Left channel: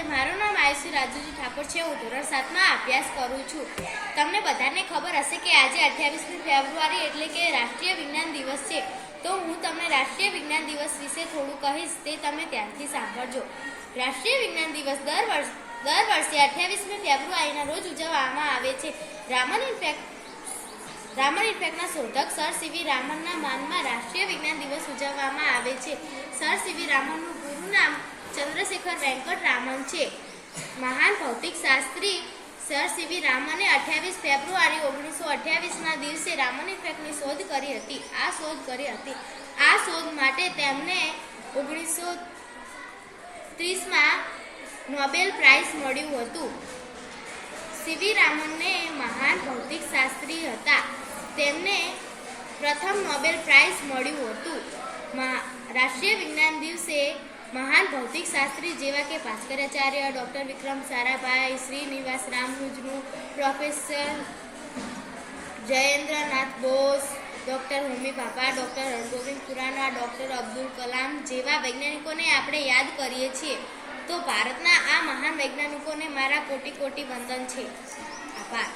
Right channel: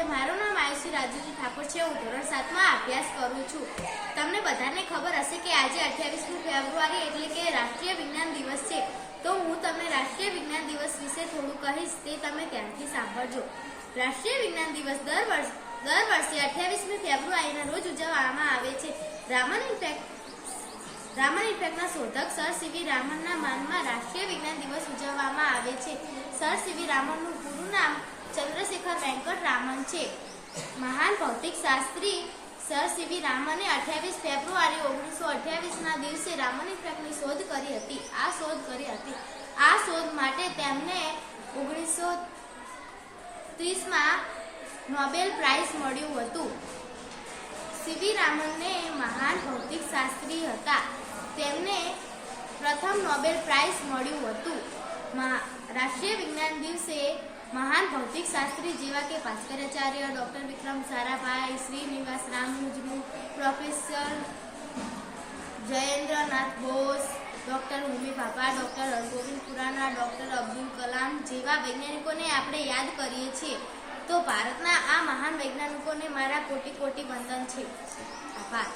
નમસ્તે, મારું નામ આયુષી રાજુજી ઠાકોર છે। હું ધોરણ 7 માં અભ્યાસ કરું છું। તમને બધાને ખબર હશે કે આજે 28મી ફેબ્રુઆરી એટલે કે રાષ્ટ્રીય વિજ્ઞાન દિવસ છે। તો હું તમને રાષ્ટ્રીય વિજ્ઞાન દિવસ વિશે થોડું કહીશ, તે તમે ધ્યાનથી સાંભળજો। રાષ્ટ્રીય વિજ્ઞાન દિવસ દર વર્ષે 28મી ફેબ્રુઆરીના રોજ ઉજવવામાં આવે છે। રામન ઇફેક્ટના શોધક સર સીવી રામનના માનમાં રાષ્ટ્રીય વિજ્ઞાન દિવસ ઉજવવામાં આવે છે। સર સીવી રામનનું પૂરું નામ ચંદ્રશેખર વેંકટ રામન છે। મહાન ભૌતિક શાસ્ત્રી સર સીવી રામને 28 ફેબ્રુઆરી 1928ના દિવસે રામન ઇફેક્ટની શોધ કરી હતી। આ શોધ માટે તેમને 1930માં નોબેલ પ્રાઇઝ મળ્યું હતું। સીવી રામનને મહાન ભૌતિક શાસ્ત્રી હતા, તેમને પ્રથમ નોબેલ પ્રાઇઝ મળ્યું હતું। રાષ્ટ્રીય વિજ્ઞાન દિવસે મહાન ભૌતિક શાસ્ત્રી જેવા કે Bhaskaracharya, doctor Vikram Sarabhai, Srinivasa Ramanujan, professor જયેન્દ્રનાથ Bose, doctor હોમી ભાભા, ડૉક્ટર હરગોવિંદ ખુરાના, ડૉક્ટર અબ્દુલ કલામ જેવા વૈજ્ઞાનિકોને આપણે યાદ કરીએ છીએ। તો ભારતના આ મહાન વૈજ્ઞાનિકોને મારા કોટી કોટી વંદન છે। આભાર।